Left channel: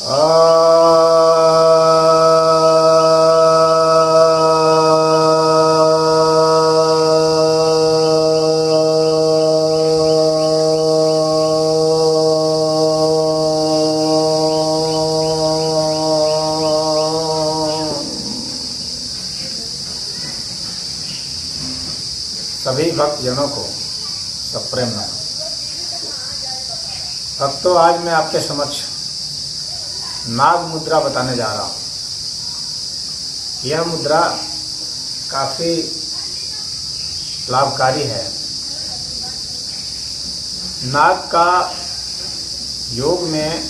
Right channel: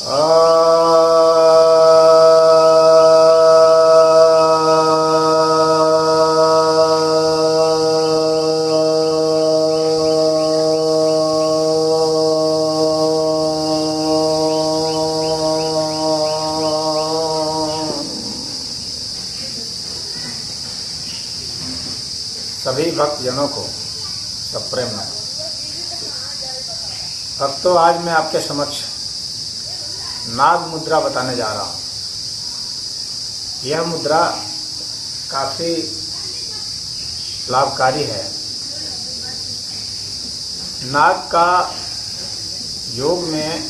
सभी भक्तजनों को सप्रेम नमः। भक्तों, आज मैं आपके समक्ष नाग मुद्रा बताने जा रहा हूँ। यह मुद्रा काफ़ी लाभकारी है। नाग का योग में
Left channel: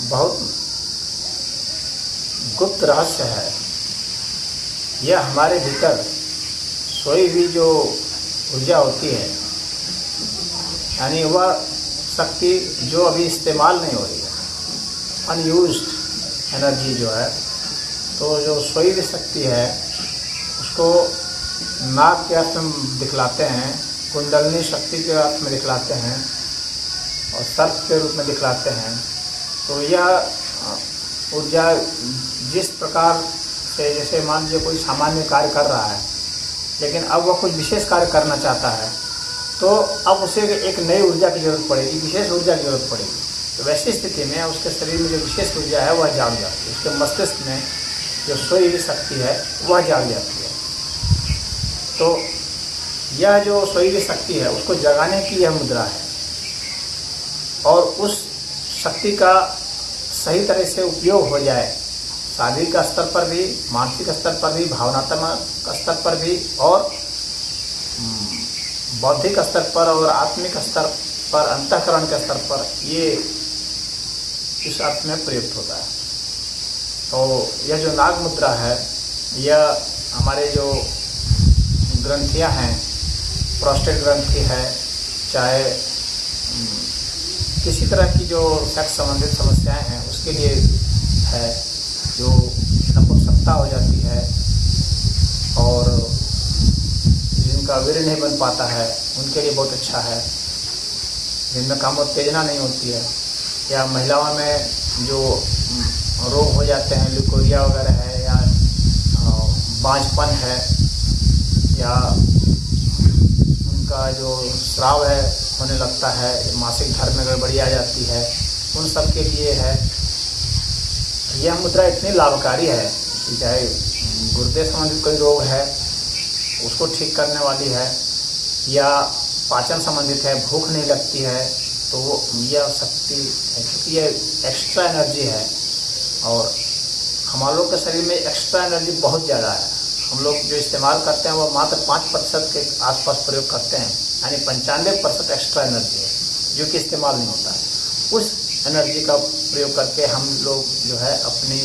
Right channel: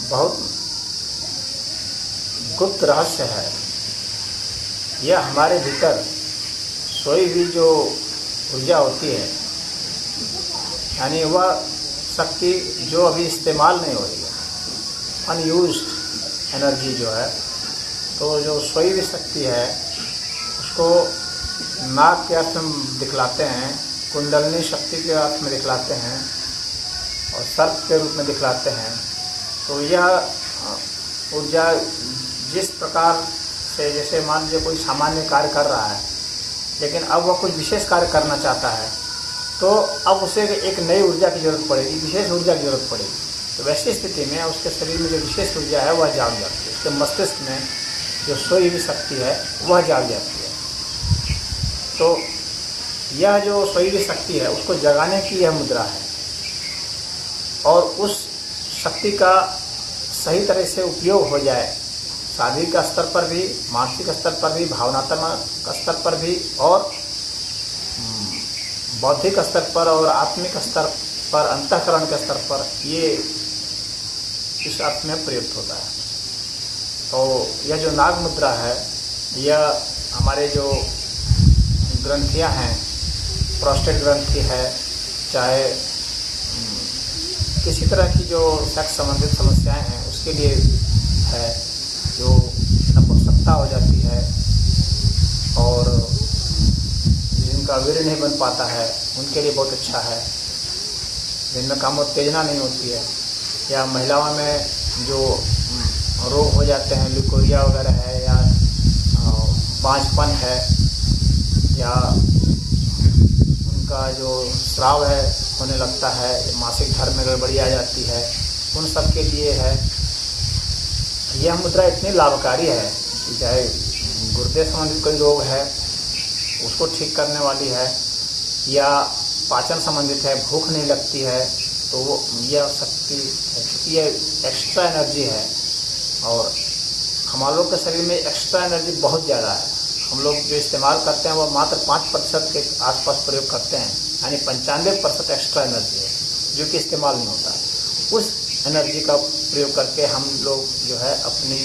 बहुत गुप्त रहस्य है। यह हमारे भीतर सोई हुई जो ऊर्जा होती है, यानी वह शक्ति जो अभी इस्तेमाल नहीं हो रही है, अनयूज्ड एनर्जी जो है, तो जो सोई हुई शक्ति है उसको नाग के अर्थ में दिखलाते हैं, कुंडलनी शक्ति के अर्थ में दिखलाते हैं और सर्प के रूप में दिखलाते हैं। तो यह ऊर्जा जिस प्रकार से, जैसे मान लीजिए कोई सामान्य कार्य कर रहा है लेकिन अब वह कुछ विशेष कार्य करना चाहता है, तो अब उसे एक नई ऊर्जा की जरूरत पड़ेगी, विशेष ऊर्जा की जरूरत पड़ेगी। तो वैसी स्थिति में उसके शरीर में जो विशेष ऊर्जा है वह जाग जाती है, उसके मस्तिष्क में जो सोई हुई शक्ति है वह जाग जाती है। तो यह जो सोई हुई शक्ति है उसको जगाने की यह मुद्रा है, और उस शक्ति का सही तरह से उपयोग हो जाए, शारीरिक स्तर पर भी, मानसिक स्तर पर भी, भावनात्मक स्तर पर भी, और बौद्धिक स्तर पर और आत्मिक स्तर पर, अंतःकरण के स्तर पर, ये इस अर्थ में प्रयुक्त होता है। तो यह जो नाग मुद्रा है, यह हमारे जो ग्रंथियां हैं, प्रोस्टेट ग्रंथि है, चाहे किसी तरह की जो सेक्स संबंधित समस्याएं हैं उसके लिए है, जो नपुंसकता हो जाती है और जिनका वीर्य नहीं बन पाता है उनके लिए बहुत अच्छा है, जिनमें कामोत्तेजना नहीं होती है, या महिलाओं में जो रोग हो जाते हैं, ल्यूकोरिया वगैरह है, या बांझपन है, या उनका जो स्राव है होने लगता है, मासिक धर्म में गड़बड़ी आ जाती है, उन सब के लिए है। यह मुद्रा इतनी लाभकारी है कि चाहे गुर्दे संबंधित कोई रोग है उसको ठीक करने वाली है, या पाचन संबंधित है, भूख नहीं लगती है, तो वो यह शक्ति है, क्योंकि यह एक्स्ट्रा एनर्जी है। और हम लोग के शरीर में एक्स्ट्रा एनर्जी बहुत ज़्यादा है। हम लोग जो इस्तेमाल करते हैं वो मात्र 5% के आसपास प्रयोग करते हैं, यानी 95% एक्स्ट्रा एनर्जी है जो कि इस्तेमाल नहीं होता। उस एनर्जी का प्रयोग करके हम लोग जो है अपनी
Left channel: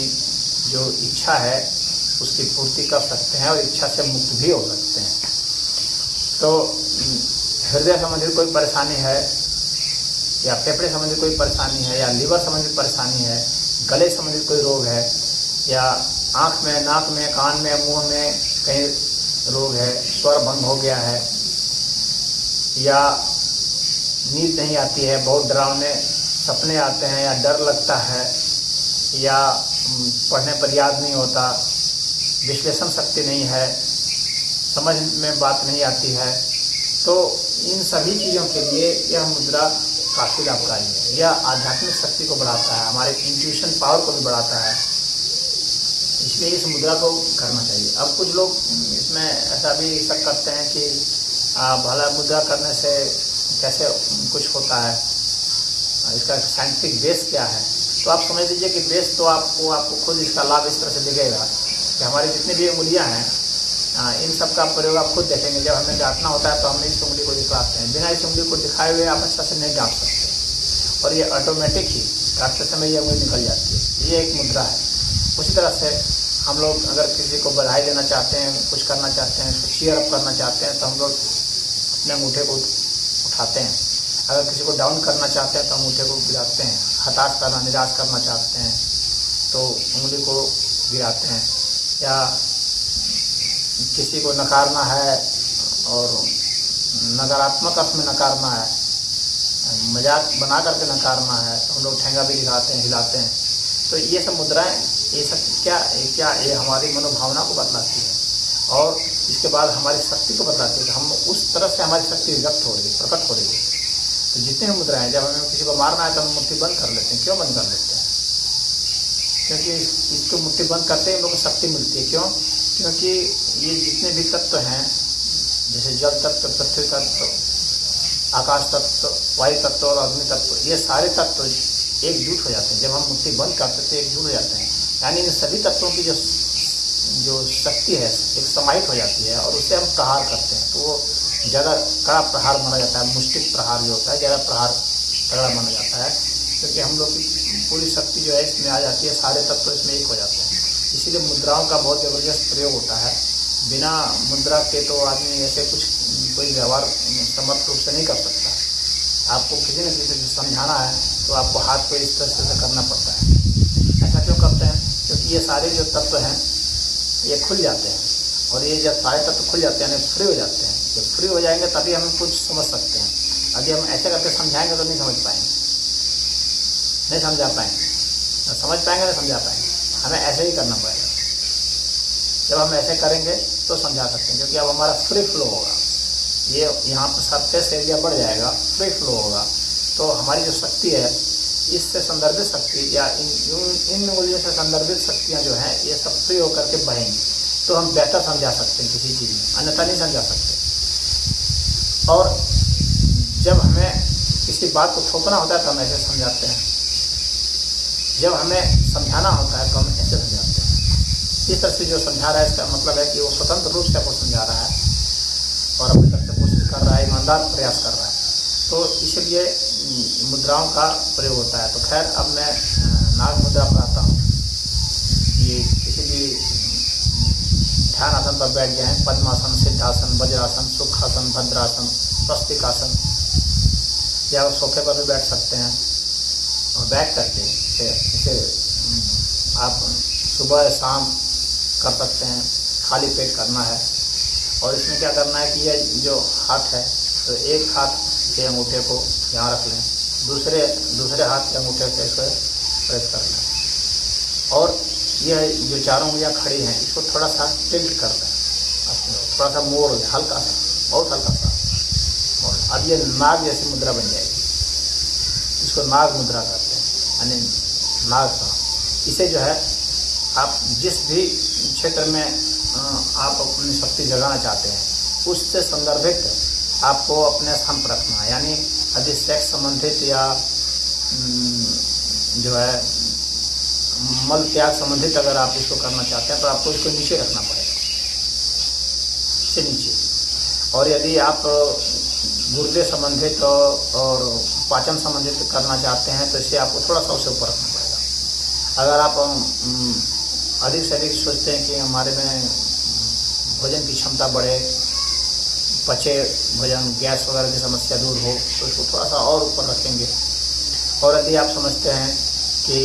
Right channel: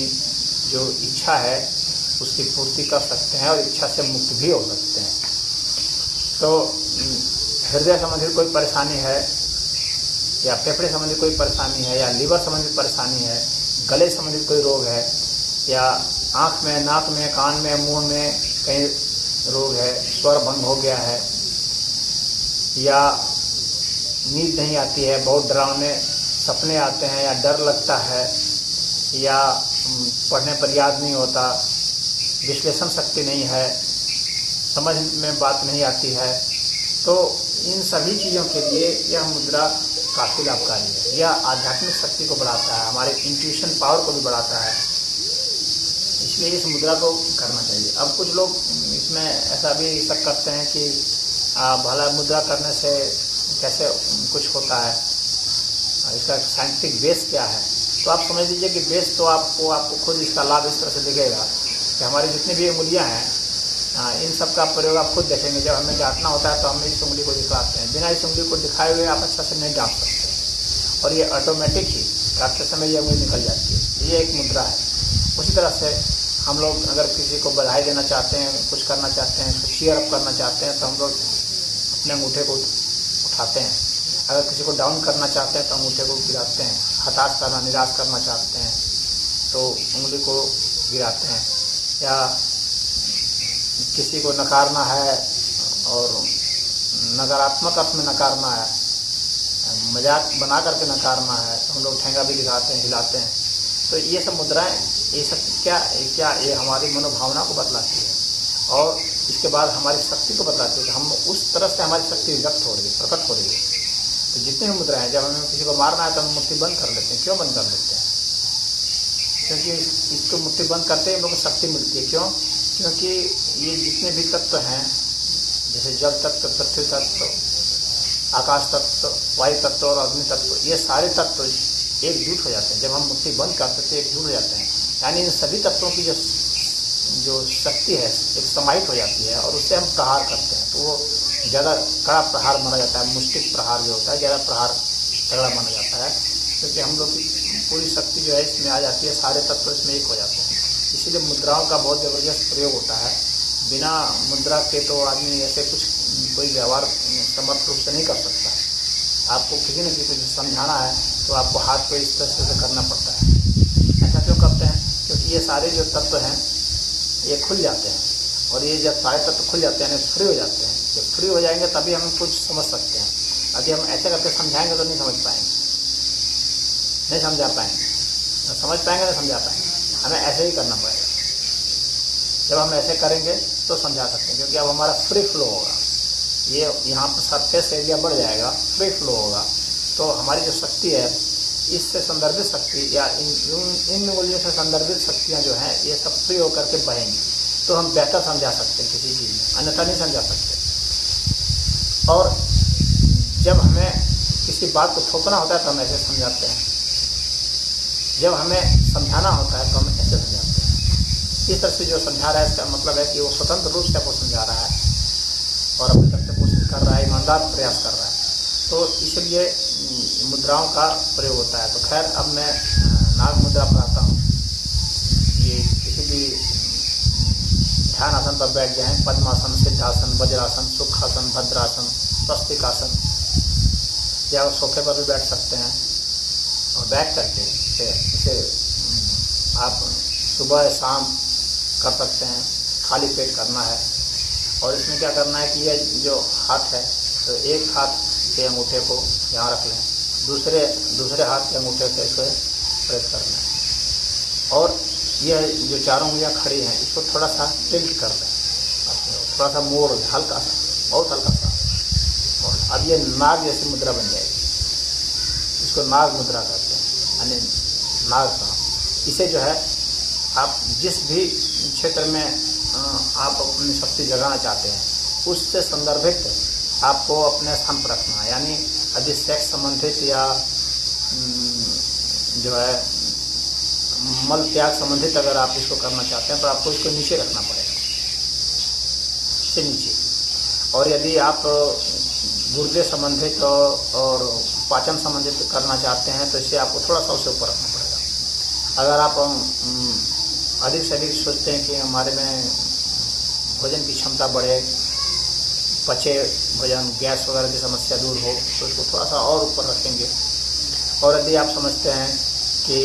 जो इच्छा है उसकी पूर्ति कर सकते हैं और इच्छा से मुक्त भी हो सकते हैं। तो हृदय संबंधित कोई परेशानी है, या फेफड़े संबंधित कोई परेशानी है, या लीवर संबंधित परेशानी है, गले संबंधित कोई रोग है, या आँख में, नाक में, कान में, मुंह में कहीं रोग है, स्वर भंग हो गया है, या नींद नहीं आती है, बहुत डरावने सपने आते हैं, या डर लगता है, या पढ़ने पर याद नहीं होता, विश्लेषण शक्ति नहीं है, समझ में बात नहीं आती है, तो इन सभी चीज़ों के लिए यह मुद्रा काफ़ी लाभकारी है। यह आध्यात्मिक शक्ति को बढ़ाता है, हमारे इंट्यूशन पावर को भी बढ़ाता है, इसलिए इस मुद्रा को करना चाहिए। अब कुछ लोग इसमें ऐसा भी शक करते हैं कि भला मुद्रा करने से कैसे कुछ होता है, इसका साइंटिफिक बेस क्या है। तो आप समझ लीजिए कि बेस तो आपको खुद इसका लाभ इस तरह से दिखेगा कि हमारी जितनी भी उंगलियां हैं, इन सब का प्रयोग आप खुद देखेंगे। जब हमें डांटना होता है तो हम इस उंगली को दिखाते हैं, बिना इस उंगली को दिखाए हुए आप अच्छा से नहीं डांट सकते, और ये ऑटोमेटिक ही डांटते समय ये उंगली निकल जाती है। ये एक मुद्रा है। उसी तरह से हम लोग अगर किसी को बधाई देना चाहते हैं, कुछ करना चाहते हैं, उसको चीयर अप करना चाहते हैं, तो हम लोग अपने अंगूठे को उठाते हैं। अगर किसी को डाउन करना चाहते हैं तो अंगूठे को गिराते हैं। हताश करना, निराश करना चाहते हैं तो उंगली को गिराते हैं। या किसी को नकारना है और नकारात्मक अर्थ में नकारना है, मजाक बना करके नकारना है तो हम लोग ठेंगा भी दिखाते हैं, हिलाते हैं। तो ये सब मुद्राएं, ये सब क्या ये हमारी मनोभावना को बतलाती है और इसके बाद हमारी शक्ति को बतलाती है कि हम उस तरह से हमारी शक्ति व्यक्त हो रही है, प्रकट हो रही है। तो जितने भी मुद्राएं हैं, जब हमें किसी को मारना है तो हम मुट्ठी बंद कर लेते हैं। क्यों बंद कर लेते हैं? क्योंकि इसको मुट्ठी बंद करते ही हम लोग को शक्ति मिलती है। क्यों? क्योंकि ये जितने भी तत्व हैं, जैसे जल तत्व, पृथ्वी तत्व, आकाश तत्व, वायु तत्व और अग्नि तत्व, ये सारे तत्व एकजुट हो जाते हैं। जब हम मुट्ठी बंद करते हैं तो एकजुट हो जाते हैं, यानी इन सभी तत्वों की जो शक्ति है एक समाहित हो जाती है और उससे हम प्रहार करते हैं तो वो ज़्यादा कड़ा प्रहार माना जाता है। मुष्टिक प्रहार जो होता है ज़्यादा प्रहार तगड़ा माना जाता है, क्योंकि हम लोग की पूरी शक्ति जो है इसमें आ जाती है, सारे तत्व इसमें एक हो जाते हैं। इसीलिए मुद्राओं का बहुत ज़बरदस्त प्रयोग होता है। बिना मुद्रा के तो आदमी ऐसे कोई व्यवहार समर्थ रूप से नहीं कर सकता। आपको किसी न किसी से समझाना है तो आपको हाथ को इस तरह से करना पड़ता है। ऐसा क्यों करते हैं? क्योंकि ये सारे जो तत्व हैं ये खुल जाते हैं और ये जब सारे तत्व खुल जाते हैं यानी फ्री हो जाते हैं। जब फ्री हो जाएंगे तभी हम कुछ समझ सकते हैं। अभी हम ऐसे करके समझाएंगे तो नहीं समझ पाएंगे, नहीं समझा पाएंगे, समझ पाएंगे नहीं समझा पाएंगे। हमें ऐसे ही करना पड़ेगा। जब हम ऐसे करेंगे तो समझा सकते हैं, क्योंकि अब हमारा फ्री फ्लो होगा। ये यहाँ पर सरफेस एरिया बढ़ जाएगा, फ्री फ्लो होगा, तो हमारी जो शक्ति है इससे संदर्भित शक्ति या इन मूल्यों से संदर्भित शक्तियाँ जो हैं ये सब फ्री होकर के बहेंगी, तो हम बेहतर समझा सकते हैं किसी चीज़ में, अन्यथा नहीं समझा सकते। और जब हमें किसी बात को थोपना होता है तो हम ऐसे समझाते हैं, जब हमें समझाना होता है तो हम ऐसे समझाते हैं। इस तरह से जो समझा रहा है इसका मतलब है कि वो स्वतंत्र रूप से आपको समझा रहा है और अपनी तरफ से कोशिश कर रहा है, ईमानदार प्रयास कर रहा है, तो इसलिए मुद्राओं का प्रयोग होता है। तो खैर अब मैं नाग मुद्रा पर आता हूँ। ये किसी भी ध्यान आसन पर बैठ जाएं, पद्मासन, सिद्धासन, वज्रासन, सुखासन, भद्रासन, स्वस्तिकासन, या सोफे पर भी बैठ सकते हैं। और बैठ करके इसे आप सुबह शाम कर सकते हैं, खाली पेट करना है। और इसमें क्या करना है कि ये जो हाथ है तो एक हाथ के अंगूठे को यहाँ रख लें, दूसरे हाथ के अंगूठे से इसको प्रेस कर लें और यह जो चारों उंगलियाँ खड़ी हैं इसको थोड़ा सा टिल्ट कर दें, थोड़ा सा मोड़ लें, हल्का सा, बहुत हल्का सा मोड़। अब ये नाग जैसी मुद्रा बन जाएगी। इसको नाग मुद्रा कहते हैं, यानी नाग सा। इसे जो है आप जिस भी क्षेत्र में आप अपनी शक्ति जगाना चाहते हैं उससे संदर्भित आपको अपने स्थान पर रखना है। यानी यदि सेक्स संबंधित या जो है मल त्याग संबंधित अगर आप इसको करना चाहते हैं तो आपको इसको नीचे रखना पड़ेगा, इससे नीचे। और यदि आप गुर्दे संबंधित और पाचन संबंधित करना चाहते हैं तो इसे आपको थोड़ा सा उसे ऊपर रखना पड़ेगा। अगर आप अधिक से अधिक सोचते हैं कि हमारे में भोजन की क्षमता बढ़े, पचे भोजन, गैस वगैरह की समस्या दूर हो, तो इसको थोड़ा सा और ऊपर रखेंगे। और यदि आप समझते हैं कि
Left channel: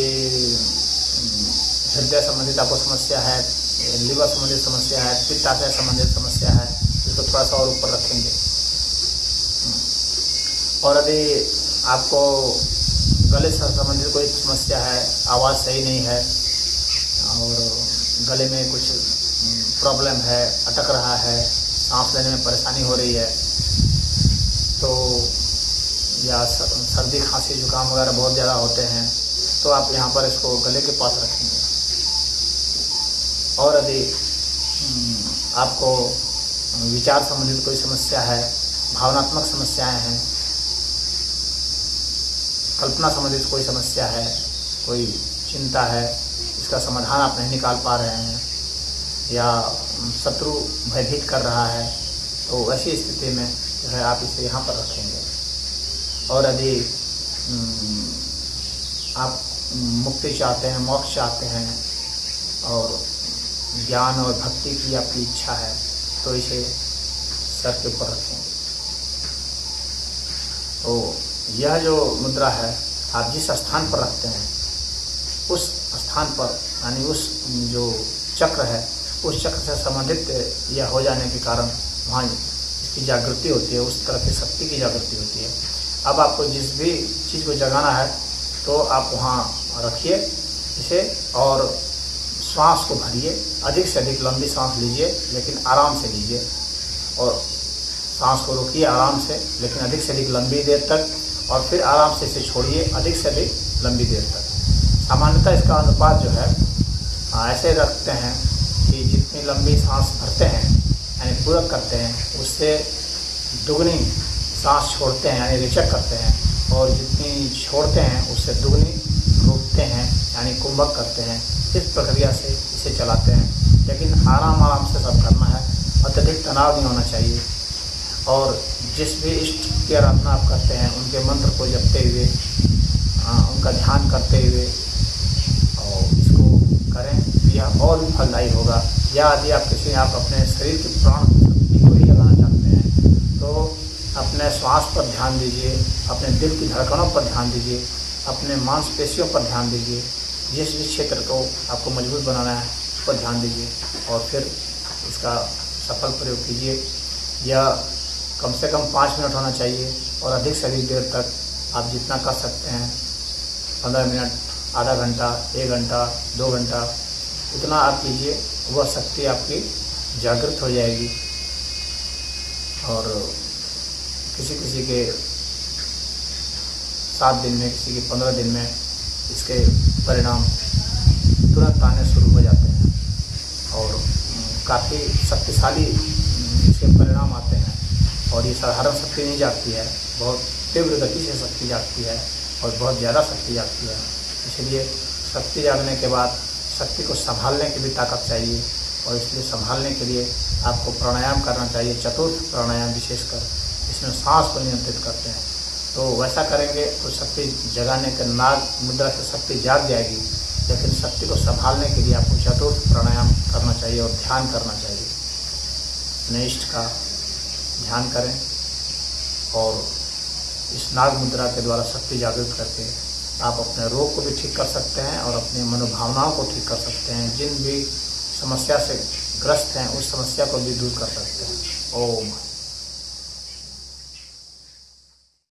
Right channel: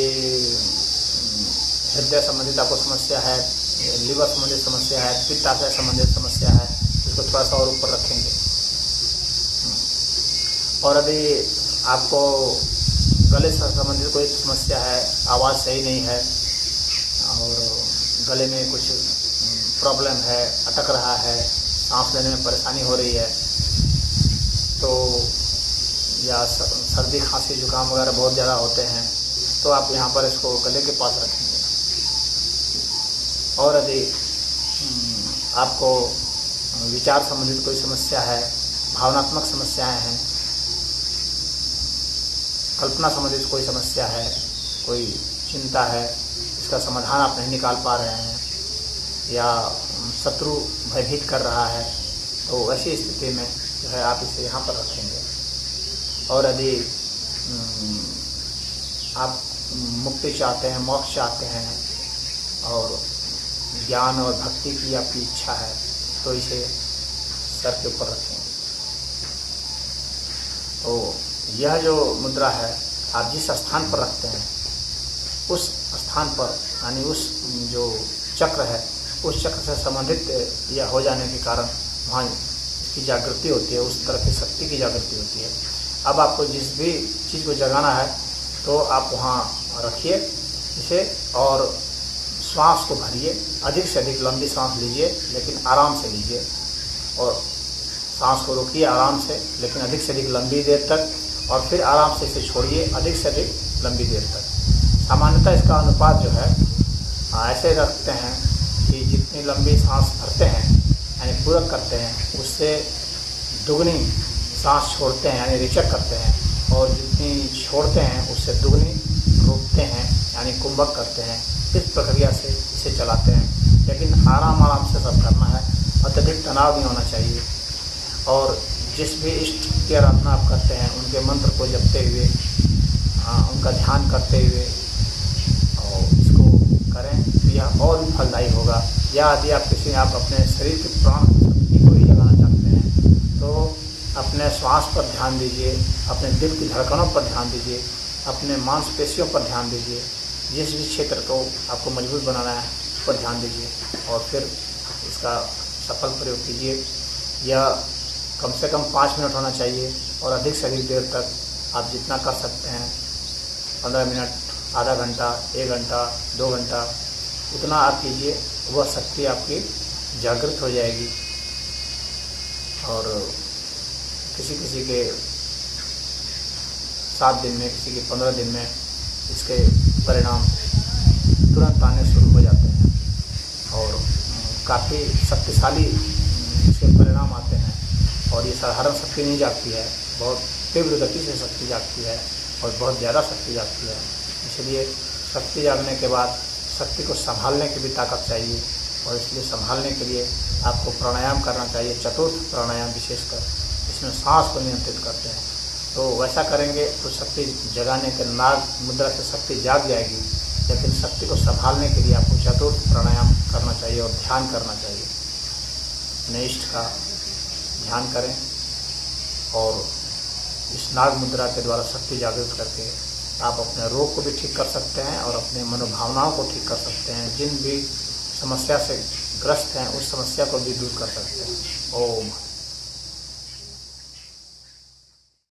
हृदय संबंधित आपको समस्या है, लीवर संबंधित समस्या है, पित्ताशय संबंधित समस्या है, तो इसको थोड़ा सा और ऊपर रखेंगे। और यदि आपको गले से संबंधित कोई समस्या है, आवाज़ सही नहीं है और गले में कुछ प्रॉब्लम है, अटक रहा है, सांस लेने में परेशानी हो रही है, तो या सर्दी खांसी जुकाम वगैरह बहुत ज़्यादा होते हैं, तो आप यहाँ पर इसको गले के पास रखेंगे। और यदि आपको विचार संबंधित कोई समस्या है, भावनात्मक समस्याएं हैं, कल्पना संबंधित कोई समस्या है, कोई चिंता है, इसका समाधान आप नहीं निकाल पा रहे हैं, या शत्रु भयभीत कर रहा है, तो ऐसी स्थिति में जो है आप इसे यहाँ पर रखेंगे। और यदि आप मुक्ति चाहते हैं, मोक्ष चाहते हैं और ज्ञान और भक्ति की आपकी इच्छा है तो इसे सर के ऊपर रखेंगे। तो यह जो मुद्रा है आप जिस स्थान पर रखते हैं उस स्थान पर, यानी उस जो चक्र है उस चक्र से संबंधित यह हो जाने के कारण वहाँ इसकी जागृति होती है, उस तरह की शक्ति की जागृति होती है। अब आपको जिस भी चीज़ को जगाना है तो आप वहाँ रखिए इसे और श्वास को भरिए, अधिक से अधिक लंबी सांस लीजिए लेकिन आराम से लीजिए, और सांस को रोकिए आराम से लेकिन अधिक से अधिक लंबी देर तक, और फिर आराम से इसे छोड़िए अधिक से अधिक लंबी देर तक। सामान्यतः इसका अनुपात जो है ऐसे रखते हैं कि जितनी लंबी सांस भरते हैं यानी पूरक करते हैं उससे दुगनी सांस छोड़ते हैं यानी रेचक करते हैं, और जितनी छोड़ते हैं उससे दुगनी रोकते हैं यानी कुंभक करते हैं। इस प्रक्रिया से इसे चलाते हैं, लेकिन आराम से सब करना है, अत्यधिक तनाव नहीं होना चाहिए। और जिस भी इष्ट की आराधना आप करते हैं उनके मंत्र को जपते हुए, उनका ध्यान करते हुए और इसको करें तो यह और भी फलदायी होगा। या यदि आप अपने शरीर की प्राण शक्ति को ही जगाना चाहते हैं तो अपने श्वास पर ध्यान दीजिए, अपने दिल की धड़कनों पर ध्यान दीजिए, अपने मांसपेशियों पर ध्यान दीजिए, जिस भी क्षेत्र को आपको मजबूत बनाना है उस पर ध्यान दीजिए और फिर इसका सफल प्रयोग कीजिए। यह कम से कम 5 मिनट होना चाहिए और अधिक से अधिक देर तक आप जितना कर सकते हैं, 15 मिनट, आधा घंटा, 1 घंटा, 2 घंटा, उतना आप कीजिए, वह शक्ति आपकी जागृत हो जाएगी। और किसी किसी के 7 दिन में, किसी के 15 दिन में इसके परिणाम तुरंत आने शुरू हो जाते हैं और काफ़ी शक्तिशाली इसके परिणाम आते हैं। और ये साधारण शक्ति नहीं जागती है, बहुत तीव्र गति से शक्ति जागती है और बहुत ज़्यादा शक्ति जागती है। इसलिए शक्ति जागने के बाद शक्ति को संभालने की भी ताकत चाहिए, और इसलिए संभालने के लिए आपको प्राणायाम करना चाहिए, चतुर्थ प्राणायाम विशेषकर, इसमें सांस को नियंत्रित करते हैं। तो वैसा करेंगे तो शक्ति जगाने के नाग मुद्रा से शक्ति जाग जाएगी, लेकिन शक्ति को संभालने के लिए आपको चतुर्थ प्राणायाम करना चाहिए और ध्यान करना चाहिए। अपने इष्ट का ध्यान करें और इस नाग मुद्रा के द्वारा शक्ति जागृत करके आप अपने रोग को भी ठीक कर सकते हैं और अपनी मनोभावनाओं को ठीक कर सकते हैं। जिन भी समस्या से ग्रस्त हैं उस समस्या को भी दूर कर सकते हैं। ओम।